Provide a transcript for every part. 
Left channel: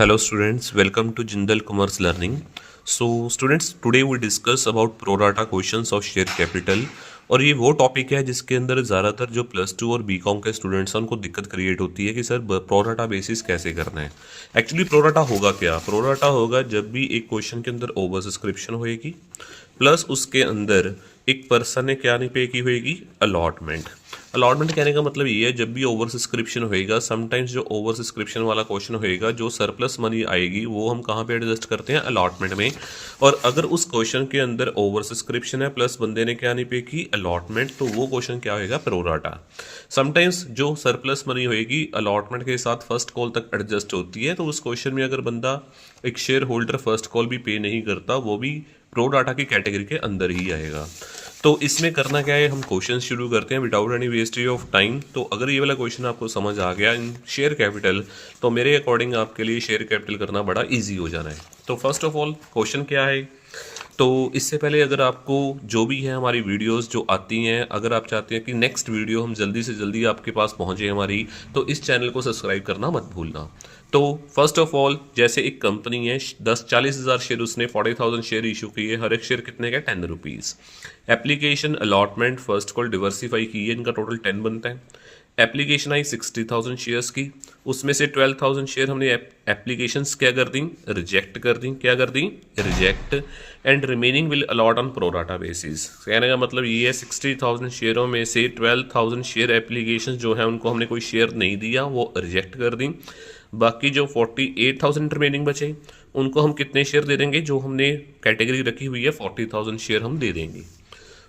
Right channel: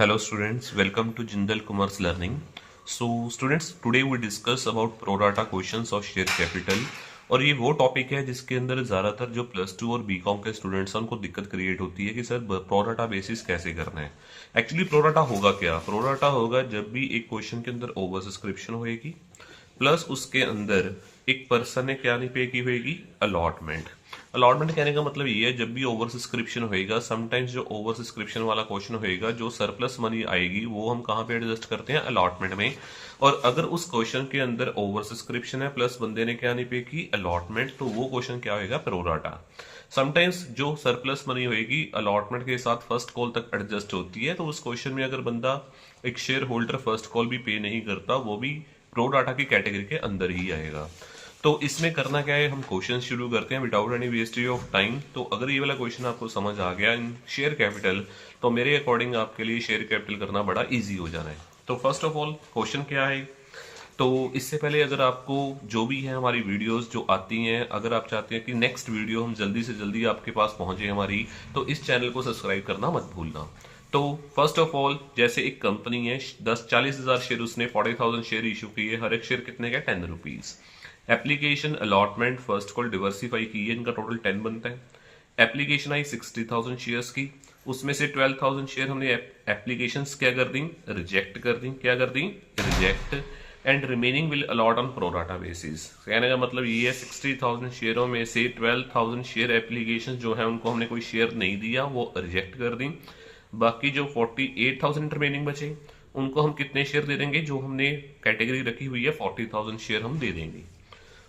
Hello students, welcome to Jindal Commerce Learning. So students, today we discuss about pro rata questions of share capital. और ये वो topic है जिसके अंदर ज़्यादातर जो प्लस टू और बीकॉम के स्टूडेंट्स हैं उनको दिक्कत क्रिएट होती है कि सर प्रो राटा बेसिस कैसे करना है। एक्चुअली प्रो राटा होगा क्या? प्रो राटा होगा जब भी एक क्वेश्चन के अंदर ओवर सब्सक्रिप्शन होएगी प्लस उसके अंदर एक पर्सन ने क्या नहीं पे की होएगी, अलॉटमेंट। अलॉटमेंट कहने का मतलब ये है जब भी ओवर सब्सक्रिप्शन होएगा, समटाइम्स जो ओवर सब्सक्रिप्शन वाला क्वेश्चन होएगा, जो सरप्लस मनी आएगी वो हम कहाँ पे एडजस्ट करते हैं, अलॉटमेंट में। और अगर उस क्वेश्चन के अंदर ओवर सब्सक्रिप्शन है प्लस बंदे ने क्या नहीं पे की, अलॉटमेंट, तो वो क्वेश्चन क्या होएगा, प्रो राटा। समटाइम्स जो सरप्लस मनी होएगी अलॉटमेंट के साथ फर्स्ट कॉल तक एडजस्ट होती है, तो उस क्वेश्चन में अगर बंदा एक शेयर होल्डर फर्स्ट कॉल भी पे नहीं करता, वो भी प्रो डाटा की कैटेगरी के अंदर ही आएगा। तो इसमें करना क्या है, हम क्वेश्चन शुरू करते हैं without any wastage of time. तो अगर ये वाला क्वेश्चन आपको समझ आ गया इन शेयर कैपिटल, तो मेरे अकॉर्डिंग आपके लिए शेयर कैपिटल करना बड़ा इजी हो जाना है। तो फर्स्ट ऑफ ऑल क्वेश्चन क्या है, तो इससे पहले अगर आपको जो भी है हमारी वीडियोस जो आती हैं, अगर आप चाहते हैं कि नेक्स्ट वीडियो हम जल्दी से जल्दी आपके पास पहुंचे हमारी, तो इस चैनल को सब्सक्राइब करना मत भूलना। तो फर्स्ट ऑफ ऑल, जैसे एक कंपनी है 40,000 शेयर, उसने 40,000 शेयर इशू किए, हर एक शेयर कितने का, 10 rupees. Application allotment first call diversify की है, इनका टोटल 10 बनता है। एप्लीकेशन आई 60,000 शेयर्स की, उसमें से 12,000 शेयर हमने एप्लीकेशंस क्या कर दी, रिजेक्ट कर दी। क्या कर दी, reject. And remaining will allot on pro rata basis. कहने का मतलब ये है 60,000 शेयरों में से 12,000 शेयर एप्लीकेशन जो है उनको हमने कोई शेयर नहीं दिया, वो रिजेक्ट कर दी। बाकी जो 48,000 रिमेनिंग बचे उनको हम कितने शेयर दे देंगे, जो हमने कैटेगरी रखी हुई है 40,000 शेयर हम दे देंगे।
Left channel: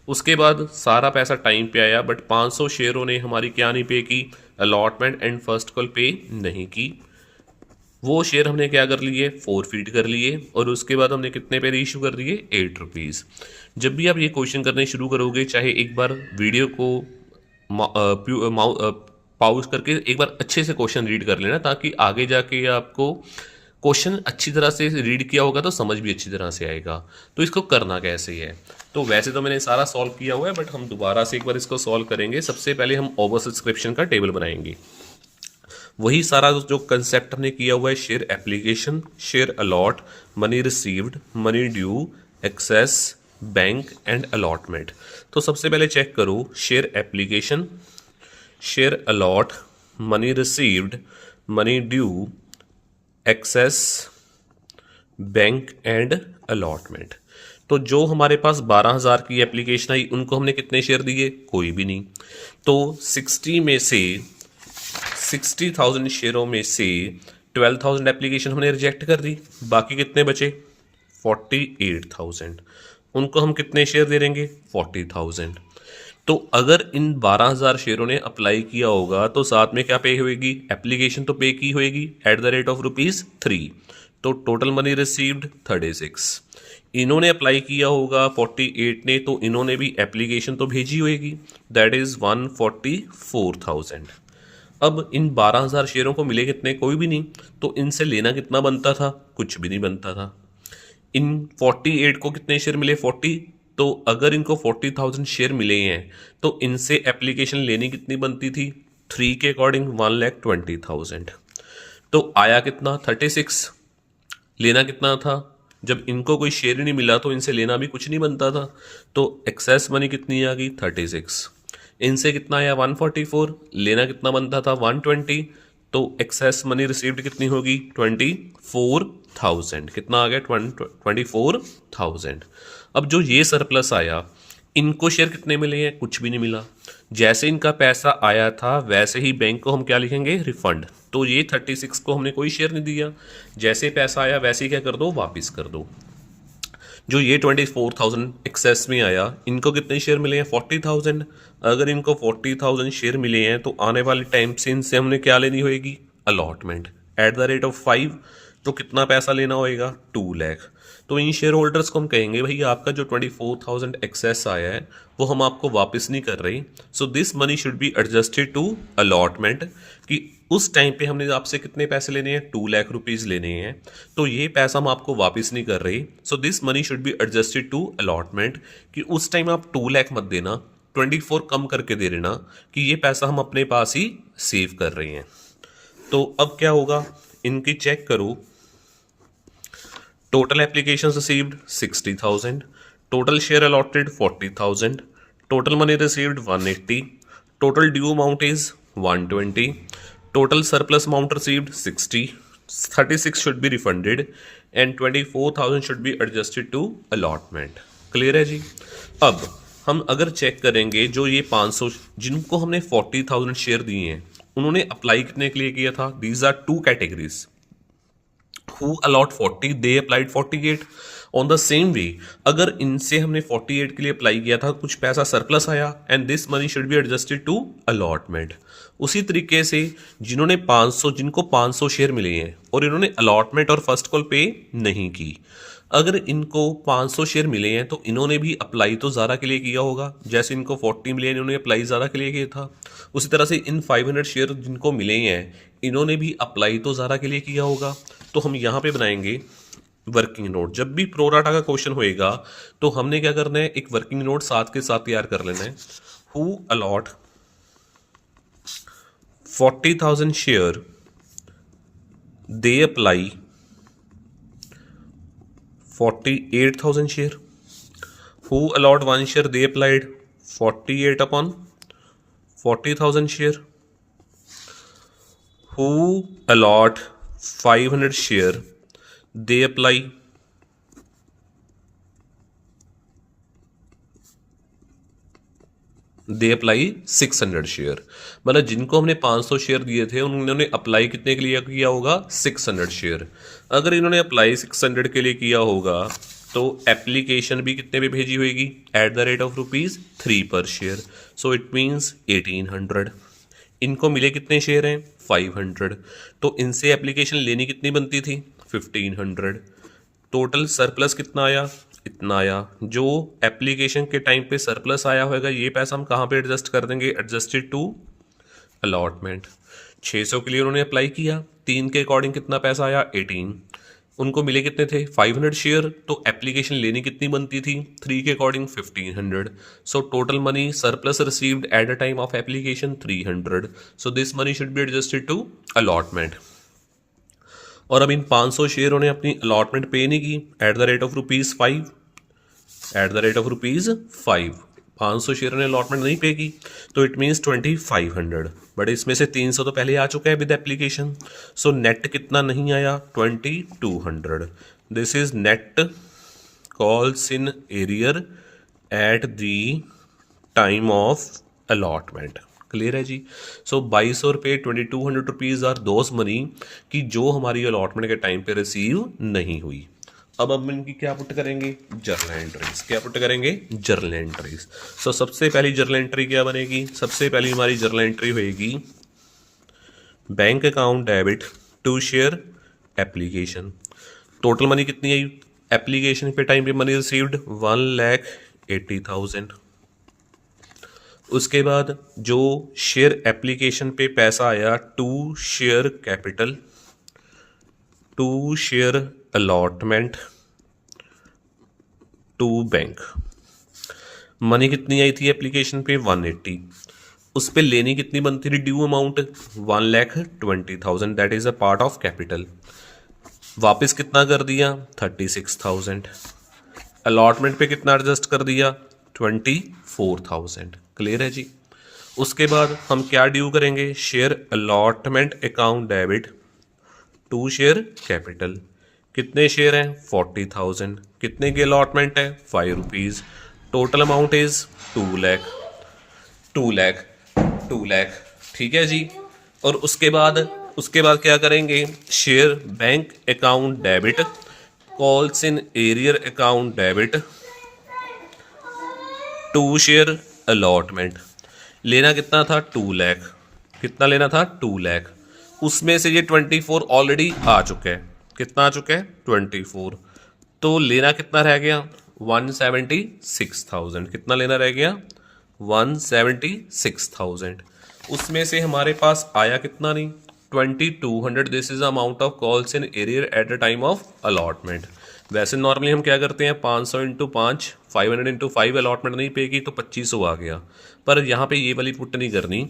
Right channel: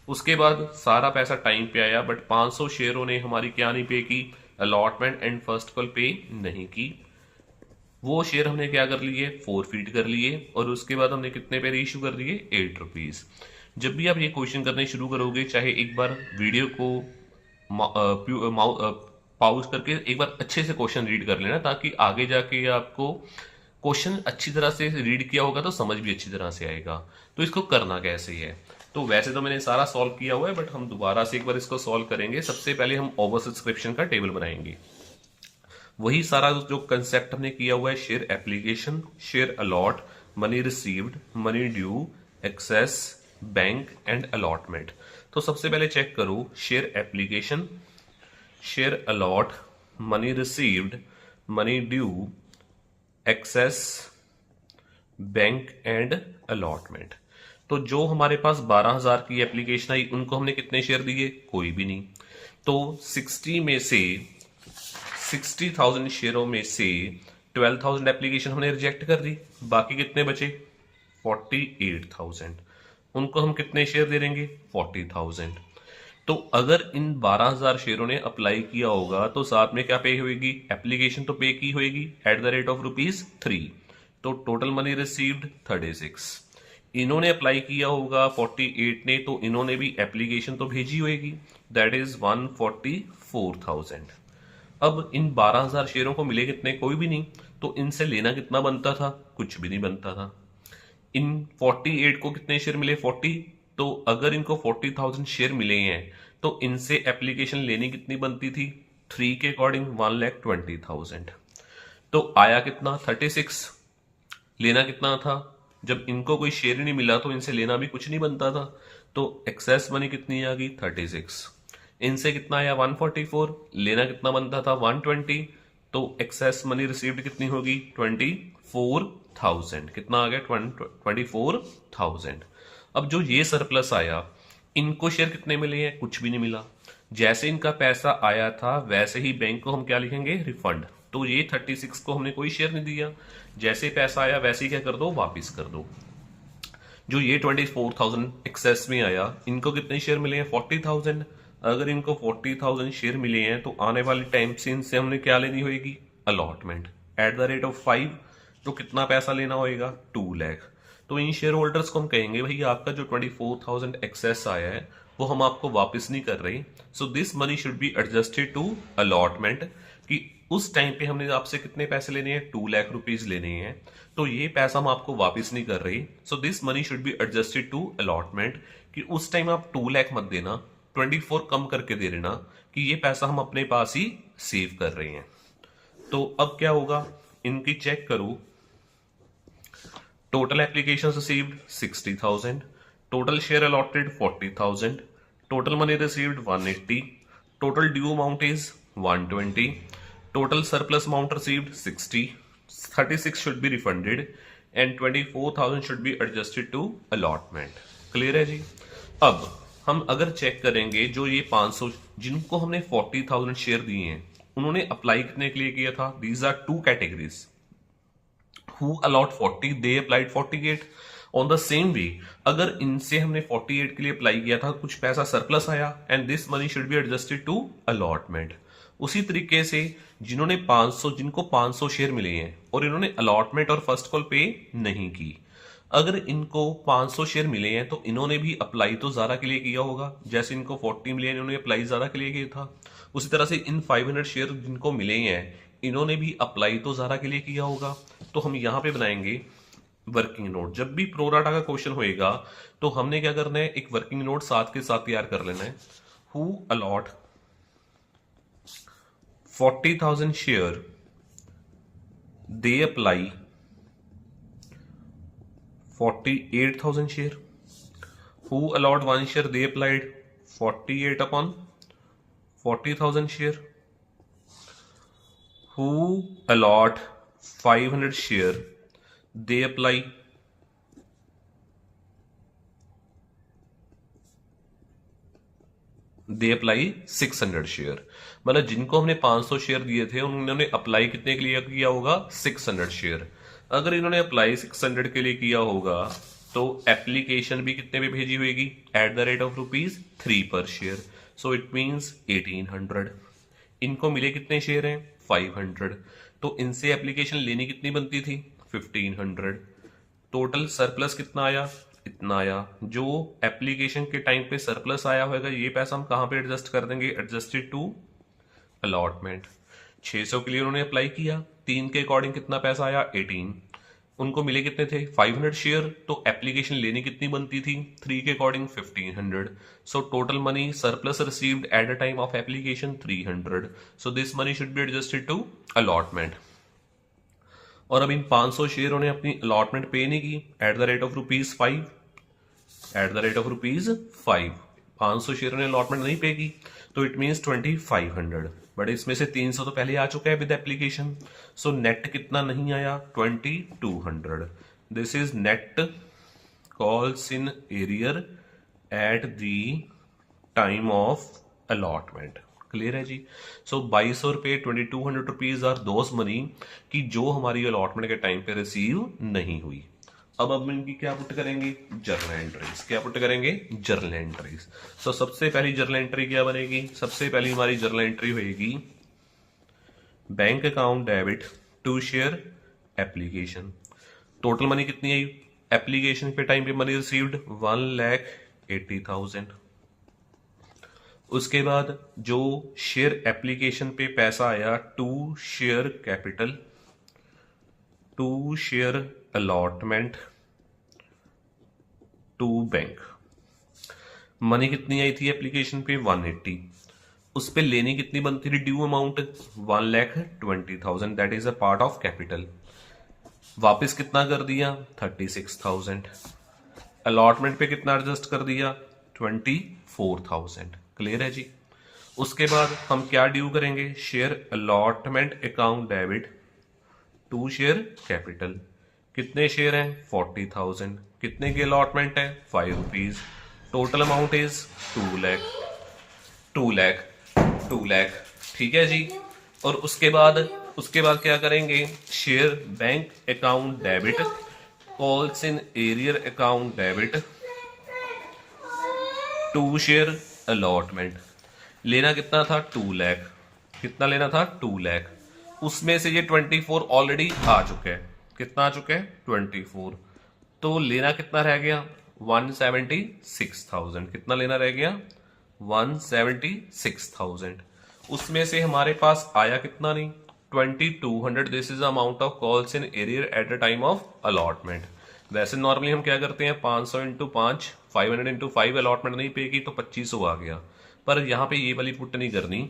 उसके बाद सारा पैसा टाइम पे आया, बट 500 शेयरों ने हमारी क्या नहीं पे की, अलॉटमेंट एंड फर्स्ट कॉल पे नहीं की। वो शेयर हमने क्या कर लिए, फॉरफिट कर लिए। और उसके बाद हमने कितने पे इशू कर दिए, 8 रुपीज़। जब भी आप ये क्वेश्चन करने शुरू करोगे, चाहे एक बार वीडियो को पॉज करके एक बार अच्छे से क्वेश्चन रीड कर लेना, ताकि आगे जाके आपको क्वेश्चन अच्छी तरह से रीड किया होगा तो समझ भी अच्छी तरह से आएगा। तो इसको करना कैसे है, तो वैसे तो मैंने सारा सॉल्व किया हुआ है, बट हम दोबारा से एक बार इसको सॉल्व करेंगे। सबसे पहले हम ओवर सब्सक्रिप्शन का टेबल बनाएंगे। वही सारा जो कंसेप्ट हमने किया हुआ है, share application, share allot, money received, money due, excess, bank and allotment. तो सबसे पहले चेक करो, share application, share allot, money received, money due, excess, bank and allotment. तो जो हमारे पास 12,000 की एप्लीकेशन आई, उनको हमने कितने शेयर दिए, कोई भी नहीं। तो 60,000 शेयरों में से 12,000 एप्लीकेशन हमने रिजेक्ट कर दी, बाकी कितने बचे, 48,000। उनको हम कितने शेयर दे देंगे, 40,000। तो अगर इन 12,000 शेयरों ने अप्लाई किया होगा तो साथ में क्या पे होगी, एप्लीकेशन तो पे की होगी एट द रेट ऑफ ₹3। तो टोटल मनी रिसीव्ड 36। इन्होंने अप्लाई किया होगा 48 ने, तो इन्होंने भी एप्लीकेशन तो भेजी होगी, दैट इज 144,000। अब इन 12,000 शेयरों को मिले कितने, कोई भी नहीं। तो इनसे लेना कितना बनता था, कुछ भी नहीं बनता था। इन 48 को कितने शेयर मिले, 40। तो अगर इनको 40,000 शेयर मिले हैं तो इनसे एप्लीकेशन लेनी कितनी बनती थी, 3 के अकॉर्डिंग 1,20,000। तो आया कितना, 36। लेना कितना था, जब इनको कोई शेयर ही नहीं मिला तो इनसे लेना भी कुछ नहीं बनता था। तो एक्सेस मनी कितनी आ गई, 36। इनसे कितना आया, 144। लेना कितना बनता था, 120। तो एक्सेस मनी रिसीव्ड कितनी होगी, 24,000। कितना आ गया, 24,000। अब जो ये सरप्लस आया, इनको शेयर कितने मिले हैं, कुछ भी नहीं मिला। जैसे इनका पैसा आया था वैसे ही बैंक को हम क्या लिखेंगे, रिफंड। तो ये 36 को हमने कोई शेयर नहीं दिया, जैसे पैसा आया वैसे ही क्या कर दो, वापस कर दो। जो ये 24,000 एक्सेस में आया, इनको कितने शेयर मिले हैं, 40,000। अगर इनको 40,000 शेयर मिले हैं तो आने वाले टाइम से इनसे हमने क्या लेनी होगी, allotment at the rate of 5। तो कितना पैसा लेना होएगा, 2 लाख। तो इन शेयर होल्डर्स को हम कहेंगे, भाई आपका जो 24,000 एक्सेस आया है वो हम आपको वापस नहीं कर रहे, so this money should be adjusted to allotment. कि उस टाइम पे हमने आपसे कितने पैसे लेने हैं, 2 लाख रुपीज लेने हैं, तो ये पैसा हम आपको वापस नहीं कर रहे, so this money should be adjusted to allotment. कि उस टाइम आप 2 लाख मत देना, 24 कम करके दे देना, कि ये पैसा हम अपने पास ही सेव कर रहे हैं। तो अब क्या होगा, इनकी चेक करो, Total applications received 60,000. Total share allotted 40,000. Total money received 180. Total due amount is 120. Total surplus amount received 60. 36 should be refunded and 24,000 should be adjusted to allotment. Clear है जी। अब हम अगर चेक करेंगे जो ये 500 जिनको हमने 40,000 शेयर दिए हैं उन्होंने अप्लाई कितने के लिए किया था। These are two categories. Who allot 40 they applied 48 on the same way। अगर इनसे हमने 48 के लिए अप्लाई किया था कुछ पैसा सरप्लस आया and this money should be adjusted to allotment. उसी तरीके से जिन्होंने 500 जिनको 500 शेयर मिले हैं और इन्होंने अलॉटमेंट और फर्स्ट कॉल पे नहीं की, अगर इनको 500 शेयर मिले हैं तो इन्होंने भी अप्लाई तो ज़ारा के लिए किया होगा। जैसे इनको 40 मिले हैं इन्होंने अप्लाई ज़ारा के लिए किया था। उसी तरह से इन 500 शेयर जिनको मिले हैं इन्होंने भी अप्लाई तो ज़ारा के लिए किया होगा। तो हम यहाँ पे बनाएंगे वर्किंग नोट। जब भी प्रोराटा का क्वेश्चन होएगा तो हमने क्या करना है, एक वर्किंग नोट साथ के साथ तैयार कर लेना है। Who allot 40,000 share they apply 48,000 share. Who allot 1 share they applied 48 upon 40,000 share. Who allot 500 share they apply 600 share. मतलब जिनको हमने 500 शेयर दिए थे उन्होंने अप्लाई कितने के लिए किया होगा 600 शेयर। अगर इन्होंने अप्लाई 600 के लिए किया होगा तो एप्लीकेशन भी कितने पे भेजी होगी एट द रेट ऑफ ₹3 पर शेयर। So it means 1800। इनको मिले कितने शेयर हैं 500। तो इनसे एप्लीकेशन लेनी कितनी बनती थी 1500। टोटल सरप्लस कितना आया इतना आया। जो एप्लीकेशन के टाइम पे सरप्लस आया होगा ये पैसा हम कहाँ पे एडजस्ट कर देंगे, एडजस्टेड टू अलॉटमेंट। 600 के लिए उन्होंने अप्लाई किया, 3 के अकॉर्डिंग कितना पैसा आया 18। उनको मिले कितने थे 500 शेयर, तो एप्लीकेशन लेनी कितनी बनती थी 3 के according 1500। So total money surplus received at the time of application 300। So this money should be adjusted to allotment. और अब इन 500 शेयर उन्हें अपनी अलॉटमेंट पे नहीं की at the rate of ₹5, at the rate of ₹5। 500 share ने अलॉटमेंट नहीं पे की तो इट मीन्स 2500। बट इसमें से 300 तो पहले आ चुका है विद एप्लीकेशन। सो नेट कितना नहीं आया 2200। This is net calls in arrear at the time of allotment. Clear है जी। सो 2200 रुपये 2200 रुपीज़ आर दोस मनी कि जो हमारी अलॉटमेंट के टाइम पे रिसीव नहीं हुई। अब हम इनकी क्या पुट करेंगे जर्नल एंट्रीज। क्या पुट करेंगे जर्नल एंट्रीज। सो सबसे पहली जर्नल एंट्री क्या बनेगी, सबसे पहली हमारी जर्नल एंट्री होएगी bank account debit to share application. Total money कितनी आई एप्लीकेशन पे टाइम पे मनी रिसीव्ड 1,80,000। उसके बाद जो शेयर एप्लीकेशन पे पैसा आया to share capital to share allotment to bank. Money कितनी आई थी एप्लीकेशन पे 180। उस पे लेनी कितनी बनती थी due amount 1,20,000 that is a part of capital. वापस कितना कर दिया 36,000। अलॉटमेंट पे कितना एडजस्ट कर दिया 24,000। क्लियर है जी। उसके बाद हम क्या ड्यू करेंगे share allotment account debit to share capital. कितने शेयर हैं 40,000। कितने की अलॉटमेंट है 5 rupees. Total amount is 2 lakh. ठीक है जी। और उसके बाद क्या करेंगे share bank account debit calls in arrear account debit to share allotment. लेना कितना था 2 लाख। कितना लेना था 2 लाख। उसमें से ये 24 ऑलरेडी आ चुका है। कितना आ चुका है 24। तो लेना कितना रह गया 176,000। कितना लेना रह गया 176,000। उसमें से हमारे पास आया कितना नहीं 2200। This is amount of calls in arrear at the time of allotment. वैसे नॉर्मली हम क्या करते हैं 500 × 5 500 × 5 अलॉटमेंट नहीं पे की तो 2500 आ गया। पर यहाँ पे ये वाली पुट नहीं करनी,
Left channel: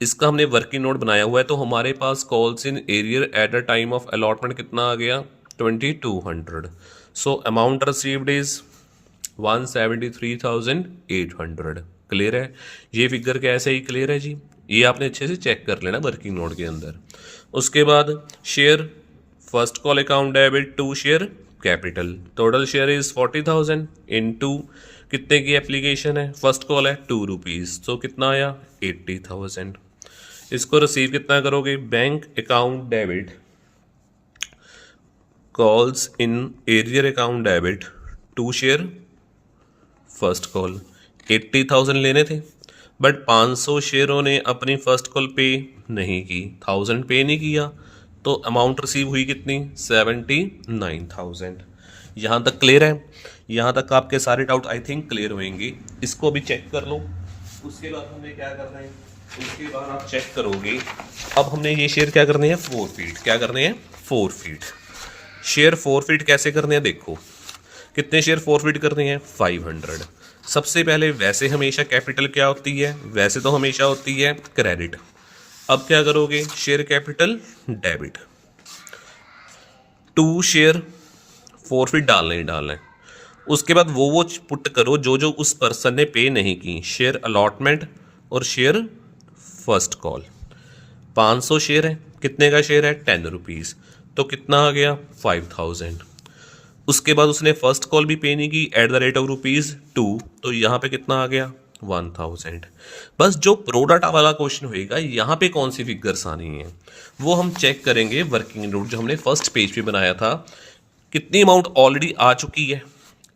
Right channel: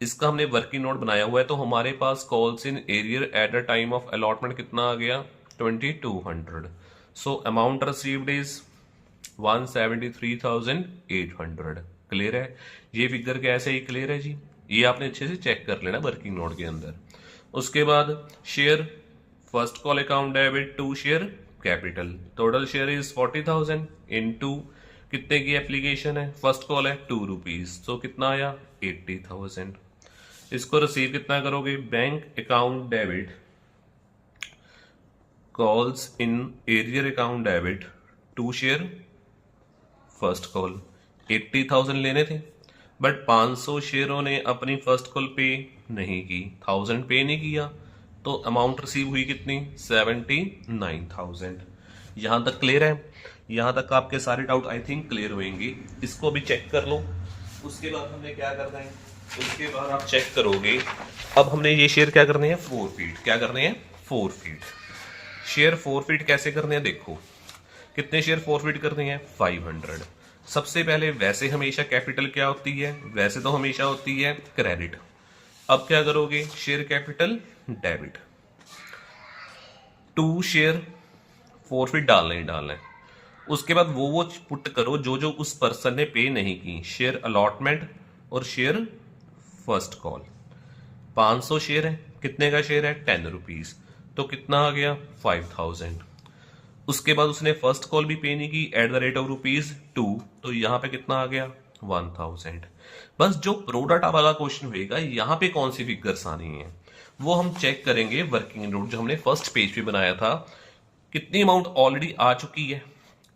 इसका हमने वर्किंग नोट बनाया हुआ है। तो हमारे पास calls in arrear at the time of allotment कितना आ गया 2200. So amount received is 173,800. Clear है? ये फिगर कैसे ही क्लियर है जी, ये आपने अच्छे से चेक कर लेना वर्किंग नोट के अंदर। उसके बाद share first call account debit to share capital, total share is 40,000 into कितने की एप्लीकेशन है, फर्स्ट कॉल है 2 रुपीज़, तो कितना आया 80,000। इसको रिसीव कितना करोगे, bank account debit calls in arrear account debit to share first call. 80,000 लेने थे बट 500 शेयरों ने अपनी फर्स्ट कॉल पे नहीं की, 1000 पे नहीं किया, तो अमाउंट रिसीव हुई कितनी 79,000। यहाँ तक क्लियर है? यहाँ तक आपके सारे डाउट आई थिंक क्लियर होंगे। इसको भी चेक कर लो। उसके बाद हमने क्या करना है, उसके बाद आप चेक करोगे, अब हमने ये शेयर क्या करने हैं, 4 फीट। क्या करने हैं, 4 फीट। शेयर 4 फीट कैसे करने हैं, देखो कितने शेयर 4 फीट करने हैं, 500। सबसे पहले वैसे हमेशा कैपिटल क्या होती है, वैसे तो हमेशा होती है क्रेडिट। अब क्या करोगे, share capital debit, 2 share 4 feet डालने ही डालना है। उसके बाद वो पुट करो जो जो उस पर्सन ने पे नहीं की, शेयर अलॉटमेंट और शेयर फर्स्ट कॉल। 500 शेयर है, कितने का शेयर है, 10 रुपीज़, तो कितना आ गया 5000। उसके बाद उसने फर्स्ट कॉल भी पे नहीं की एट द रेट ऑफ ₹2, तो यहाँ पे कितना आ गया 1000। बस जो प्रोडाटा वाला क्वेश्चन होएगा यहाँ पे कौन सी फिगर्स आनी है वो हम चेक करेंगे वर्किंग नोट जो हमने फर्स्ट पेज पे बनाया था। कितनी अमाउंट ऑलरेडी आ चुकी है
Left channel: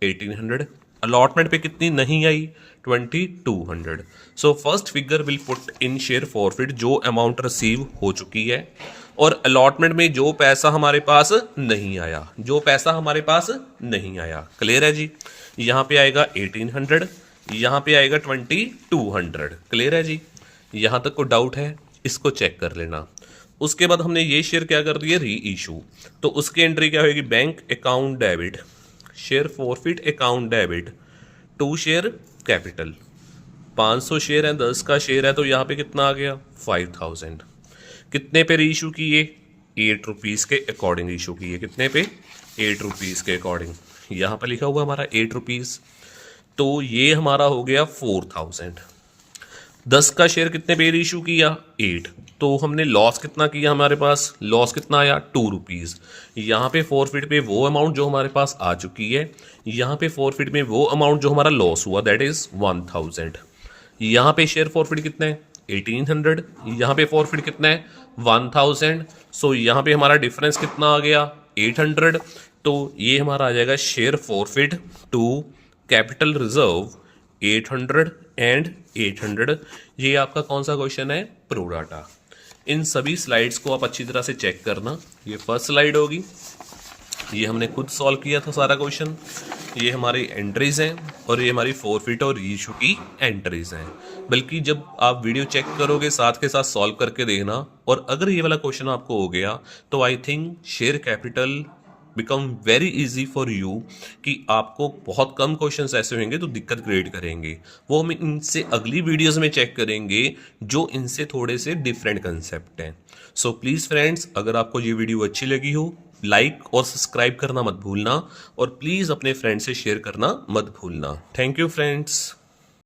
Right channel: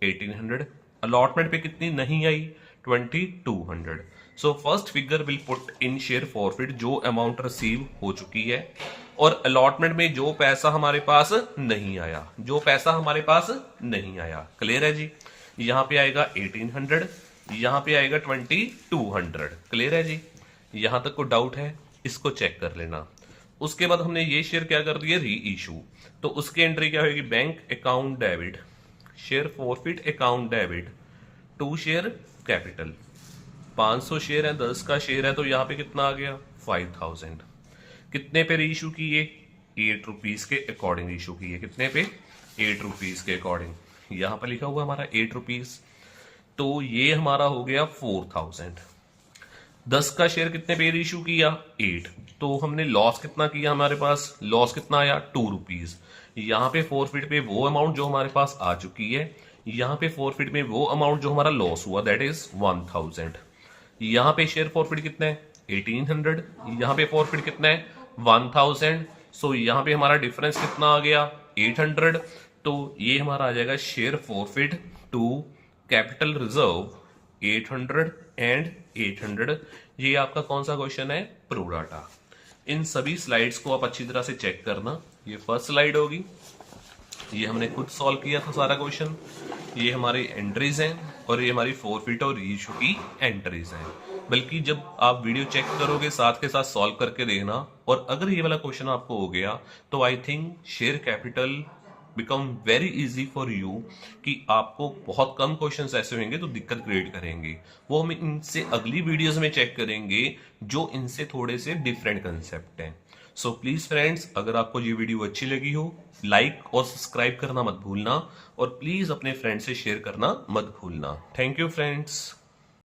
1800, अलॉटमेंट पे कितनी नहीं आई 2200। So first figure will put in share forfeit जो अमाउंट रिसीव हो चुकी है, और अलॉटमेंट में जो पैसा हमारे पास नहीं आया, जो पैसा हमारे पास नहीं आया। क्लियर है जी? यहाँ पे आएगा 1800, यहाँ पे आएगा 2200। क्लियर है जी? यहाँ तक को डाउट है इसको चेक कर लेना। उसके बाद हमने ये शेयर क्या कर दिया, री इशू, तो उसकी एंट्री क्या होगी, bank account debit share forfeit account debit to share capital. 500 share है, 10 का शेयर है, तो यहाँ पे कितना आ गया 5000। कितने पे री इशू किए, 8 रुपीज़ के अकॉर्डिंग इशू किए। कितने पे, 8 रुपीज़ के अकॉर्डिंग। यहाँ पर लिखा हुआ हमारा 8 रुपीज़, तो ये हमारा हो गया 4000। 10 का शेयर कितने पे इशू किया, 8, तो हमने लॉस कितना किया, हमारे पास लॉस कितना आया 2 रुपीज़। यहाँ पे 4 फीट पे वो अमाउंट जो हमारे पास आ चुकी है, यहाँ पे 4 फीट में वो अमाउंट जो हमारा लॉस हुआ दैट इज 1000। यहाँ पे शेयर 4 फीट कितना है 1800, यहाँ पे 4 फीट कितना है 1000। सो यहाँ पे हमारा डिफरेंस कितना आ गया 800, तो ये हमारा आ जाएगा शेयर 4 फीट टू कैपिटल रिजर्व 800 एंड 800। ये आपका कौन सा क्वेश्चन है, प्रोडाटा। इन सभी स्लाइड्स को आप अच्छी तरह से चेक करना। ये फर्स्ट स्लाइड होगी, ये हमने खुद सॉल्व किया था सारा क्वेश्चन। ये हमारी एंट्रीज हैं और ये हमारी 4 फीट और रीइशू की एंट्रीज हैं। बल्कि जब आप वीडियो चेक करोगे साथ के साथ सॉल्व करके देखना, और अगर ये वाला क्वेश्चन आपको हो गया तो I think share capital become very easy for you, कि आपको बहुत कम क्वेश्चंस ऐसे होंगे तो दिक्कत क्रिएट करेंगे। वो हम इनसे अगली वीडियोस में चेक करेंगे जो इनसे थोड़े से डिफरेंट कंसेप्ट हैं। सो प्लीज़ फ्रेंड्स, अगर आपको ये वीडियो अच्छी लगी हो लाइक और सब्सक्राइब करना मत भूलना, और प्लीज़ अपने फ्रेंड से शेयर करना मत भूलना। Thank you friends.